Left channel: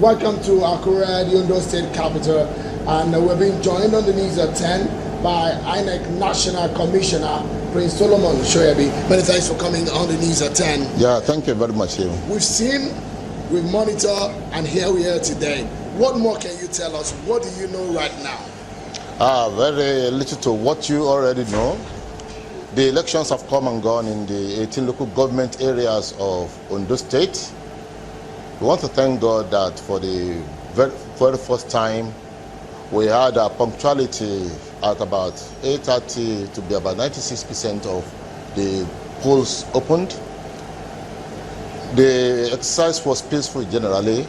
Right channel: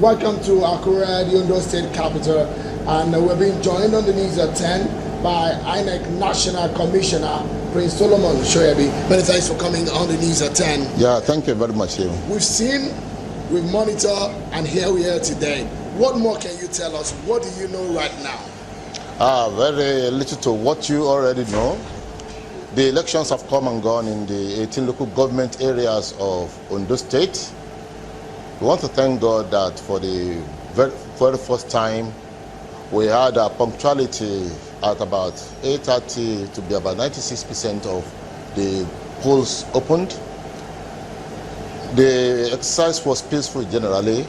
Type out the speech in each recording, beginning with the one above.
Welcome to Akure, the Ondo State capital, and we're being joined on the news at 10 by INEC National Commissioner Prince Solomon Shoyabi. Many thanks for coming on the news at 10. Yeah, thank you very much. We've seen, we've monitored, and here we are today. What more can you tell us? What do you know right now? Very little to what you already know. The elections have come and gone in the 18 local government areas of Ondo State. We want to thank God that for the very first time we had a punctuality at about 8:30 to be about 96% of the polls opened. The exercise was peaceful generally.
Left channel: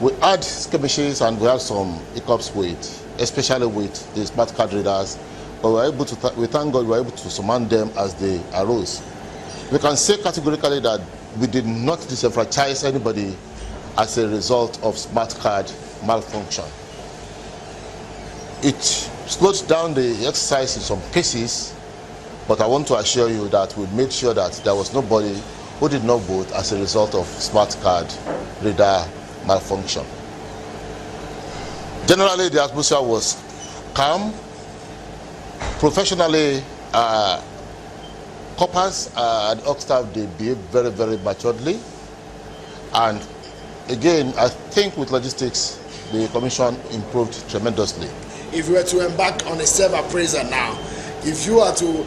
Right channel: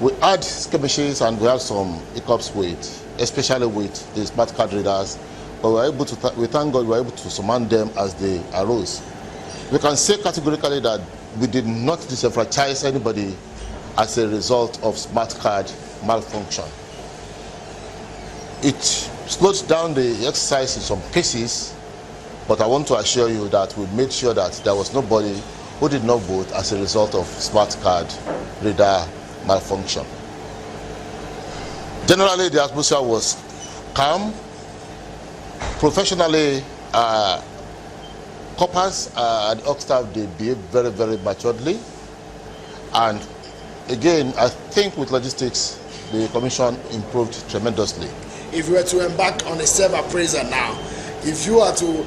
We had skirmishes and we have some hiccups especially with the smart card readers, but we thank God we were able to surmount them as they arose. We can say categorically that we did not disenfranchise anybody as a result of smart card malfunction. It slowed down the exercise in some cases, but I want to assure you that we made sure that there was nobody who did not vote as a result of smart card reader malfunction. Generally, the atmosphere was calm. Professionally, coppers and OC staff, they behave very, very maturely. And again, I think with logistics, the commission improved tremendously. If you were to embark on a self-appraisal now, if you are to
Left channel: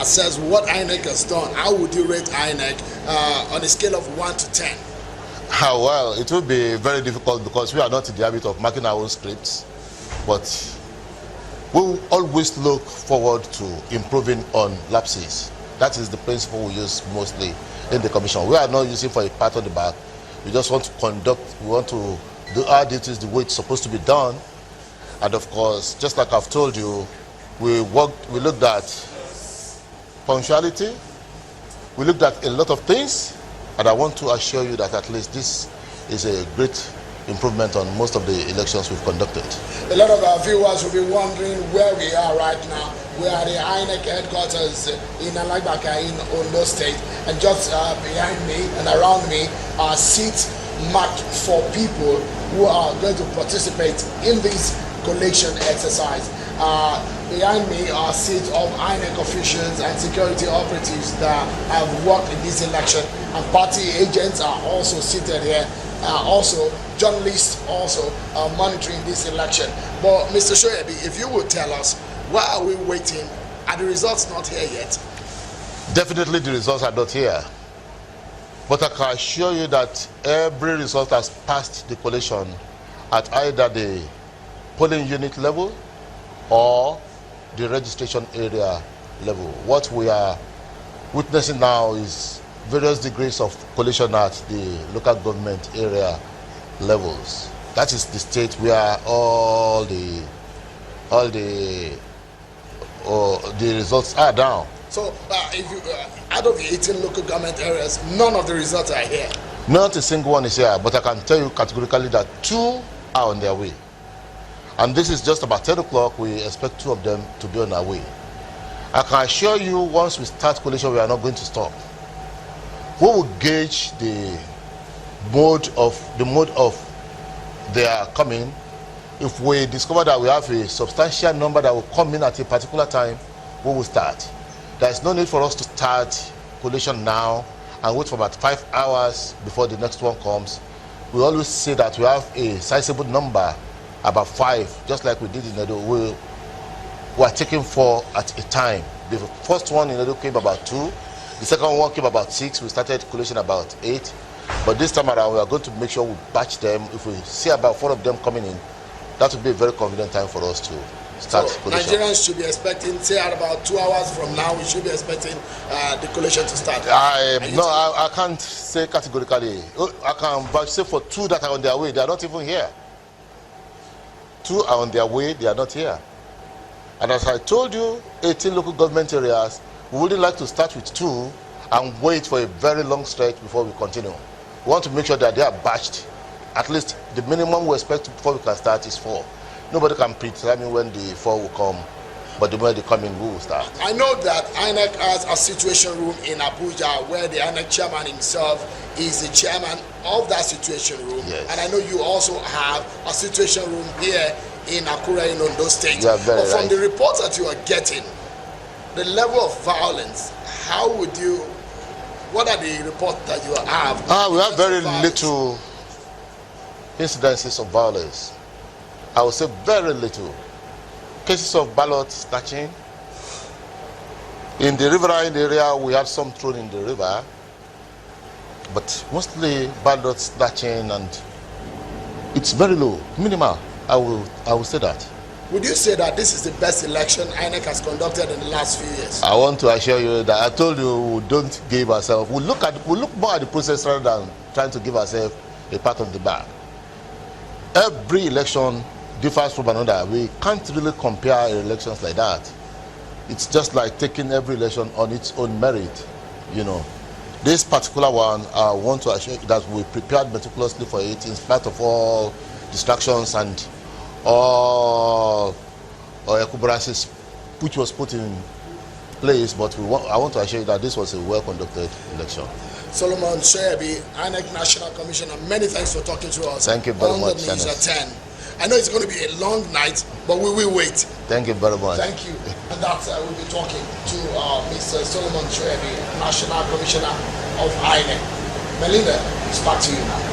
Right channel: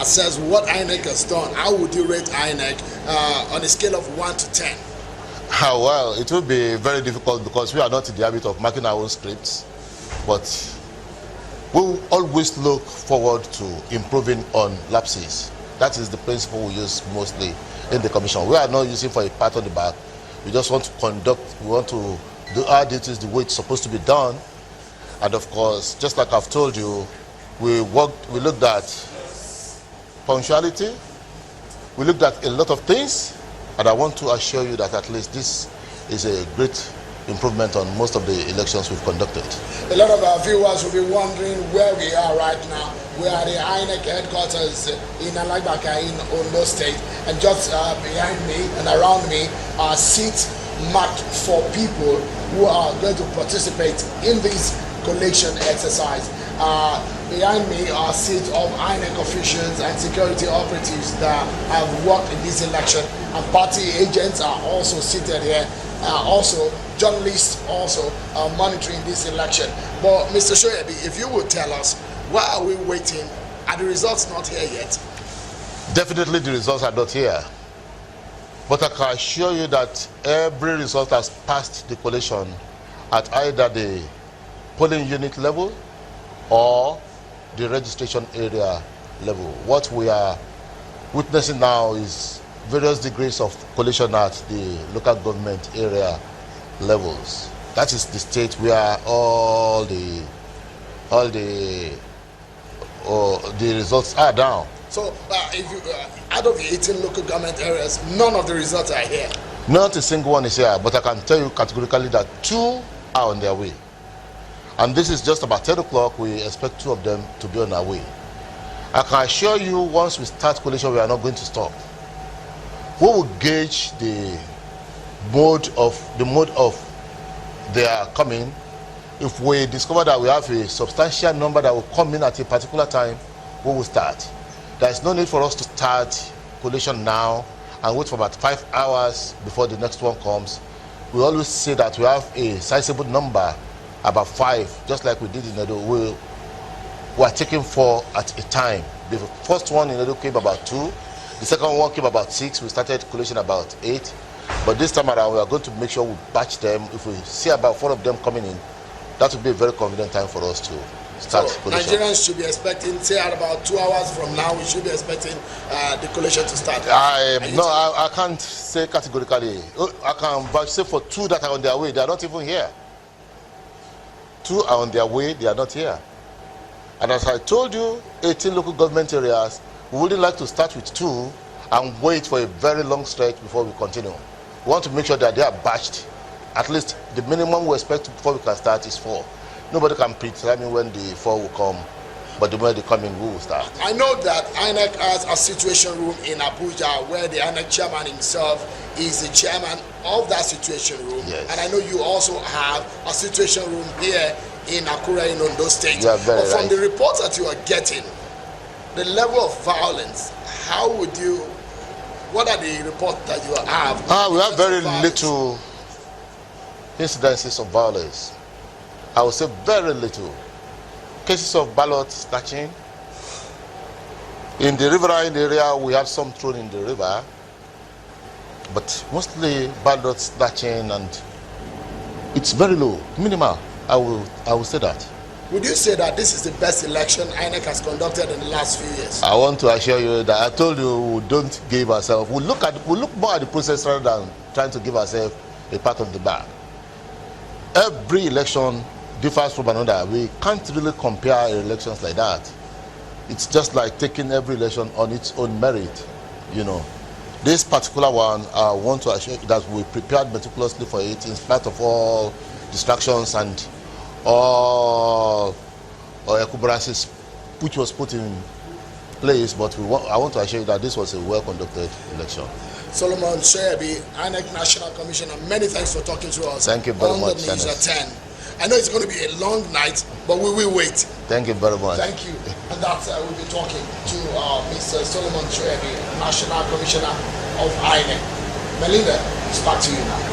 assess what INEC has done, how would you rate INEC on a scale of 1 to 10? Well, it will be very difficult because we are not in the habit of marking our own scripts, but we will always look forward to improving on lapses. That is the principle we use mostly in the commission. We are not using for a pat on the back. We just want to we want to do our duties the way it's supposed to be done. And of course, just like I've told you, we looked at punctuality, we looked at a lot of things, and I want to assure you that at least this is a great improvement on most of the elections we've conducted. A lot of our viewers will be wondering where we are right now. We are at the INEC headquarters in Alagbaka in Ondo State, and just behind me and around me are seats marked for people who are going to participate in this collation exercise. Behind me are seats of INEC officials and security operatives that have worked in this election, and party agents are also seated here. Also, journalists also are monitoring this election. But Mr. Shoyabi, if you would tell us, why are we waiting? Are the results not here yet? Definitely the results are not here. But I can assure you that every result has passed the collation at either the polling unit level or the registration area level. What we are witnessing now is various degrees of collation at the local government area levels. That is the state where all the results are down. So, if you, out of the 18 local government areas, none of the results are here? Not a single one is here, but I can tell you categorically that 2 are on their way. And this is just about 10 o'clock. We expect 2 of them to be on their way. I can assure you, once we start collation, we are not going to stop. We will gauge the mode of their coming. If we discover that we have a substantial number that will come in at a particular time, we will start. There is no need for us to start collation now and wait for about 5 hours before the next one comes. We always say that we have a sizable number, about 5, just like we did in Nat'l. We are taking 4 at a time. The first one in Nat'l came about 2. The second one came about 6. We started collation about 8. But this time around, we are going to make sure we batch them. If we see about 4 of them coming in, that will be a very convenient time for us to start collation. Nigerians should be expecting, say at about 2 hours from now, we should be expecting the collation to start. I can't say categorically. I can say for 2 that are on their way, they are not even here. 2 are on their way, they are not here. And as I told you, 18 local government areas, we would like to start with 2 and wait for a very long stretch before we continue. We want to make sure that they are batched. At least the minimum we expect before we can start is 4. Nobody can determine when the 4 will come But the moment they come in, we will start. I know that INEC has a situation room in Abuja where the INEC chairman himself is the chairman of that situation room. Yes. And I know you also have a situation room here in Akure in Ondo State. You are very but from right. the reports that you are getting, the level of violence, what are the reports that you have? We have very little incidences of violence. I would say very little. Cases of ballot snatching. In the riverine area, we had some thrown in the river, but mostly ballot snatching, and it's very low, minimal. I will say that. Would you say that this is the best election INEC has conducted in the last few years? I want to assure you that I told you we don't give ourselves. We look more at the process rather than trying to give ourselves a part of the bar. Every election differs from another. We can't really compare elections like that. It's just like taking every election on its own merit, you know. This particular one, I want to assure you that we prepared meticulously for it in spite of all distractions and all encumbrances which was put in place. But I want to assure you that this was a well-conducted election. Solomon Shebi, INEC National Commissioner, many thanks for talking to us. Thank you very much, On the news at 10. I know it's going to be a long night, but we will wait. Thank you very much. Thank you. And that's we'll be talking to Mr. Solomon Shebi, National Commissioner of INEC. Melinda, it's back to you now.